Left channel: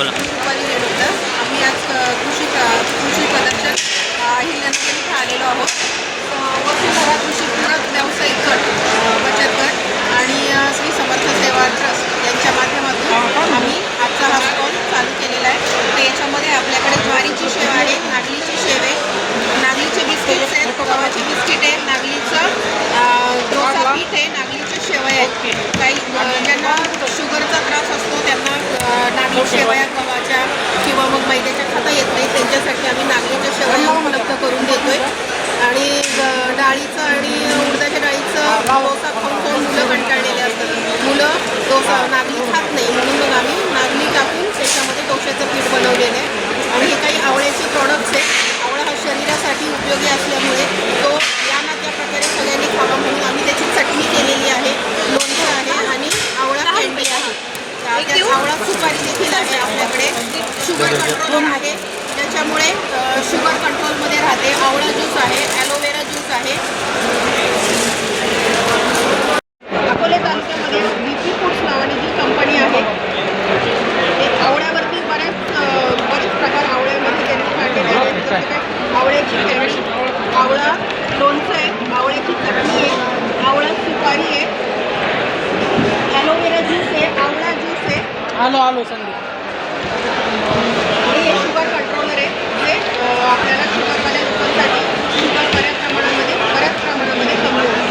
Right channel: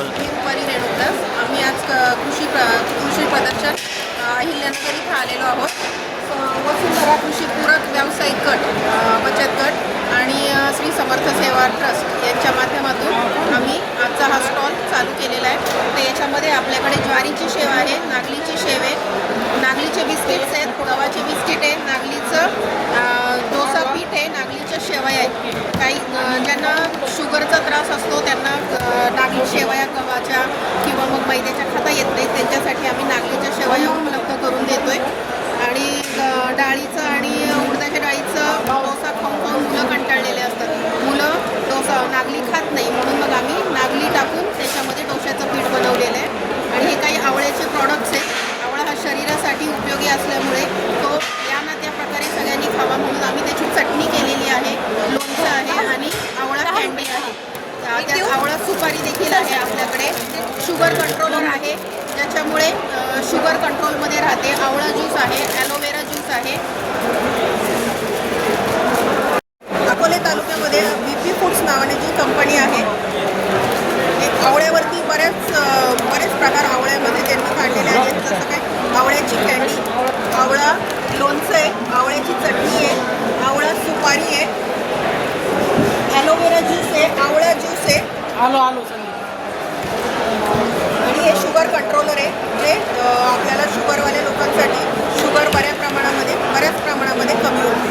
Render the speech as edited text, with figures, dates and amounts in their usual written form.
बोला. रुपाली रेणुदास. आम्ही आज कृषी प्रदर्शन अहिल्यानगर इथे आलेलो आहोत. वसुंधरा कृषी पूरक व्यावसायिक गट, बचत गट आणि श्री समर्थ सेवा ट्रस्ट यांच्या माध्यमातून आम्ही आजचा हा स्टॉल चालू केलेला आहे. तर याच्यामध्ये आपल्याकडे ज्वारीची शेव आहे, नागलीची शेव आहे, नागलीचे बिस्किट्स आहेत, गव्हाचे बिस्किट आहे, नागलीचं डोसा पीठ आहे, नागलीच्या शेवया आहेत. काही ज्यांना शुगरचा त्रास असतो त्यांना नागली शेवया गव्हाच्या किंवा मग मैद्याच्या खाता येत नाही, त्यांच्यासाठी आम्ही नागलीच्या शेवया उपलब्ध करून देतो आहे. आणि डाळीचं आणि उडदाच्या डाळीचं डोसा खाऊन मुलं कंटाळलेले असतात. मुलं डोसा नागली खात नाही, म्हणून मग आम्ही नागली टाकून त्याच्यामध्ये डोश्याचं पीठ बनवलेलं आहे. आणि हे काही आवळ्याचे प्रॉडक्ट्स आहेत. आवळा हा शरीरासाठी उपयोगी असल्यामुळे तो या ना त्या प्रकारे सगळ्यांनी खावा म्हणून आम्ही त्याची चटणी केलेली आहे, लोणचं आहे आणि आवळा कँडी आहे. आवळा सुपारी देखील आहे आपल्याकडे. शुगर कंट्रोलर आहे, त्याच्यामुळे शुगर कंट्रोलमध्ये राहते. आवळा ज्यूस आहे, ॲलोवेरा ज्यूस आहे. अकोले तालुक्यामध्ये BP फूड्स नावाने जी कंपनी आहे, आवळ्यावरती बरेच प्रकार आवळ्यामध्ये त्यांनी काढलेले आहेत. जसं काय आवळ्याची कँडी, आवळा लोणचं आहे, आवळ्याची चटणी आहे, आवळा सुपारी आहे, ॲलोवेरा ज्यूस आहे, आवळा ज्यूस आहे आणि हे शुगर कंट्रोलर आहे, जे आपल्याला शुगरवाल्या लोकांसाठी शुगर बऱ्याच प्रमाणामध्ये कमी होईल.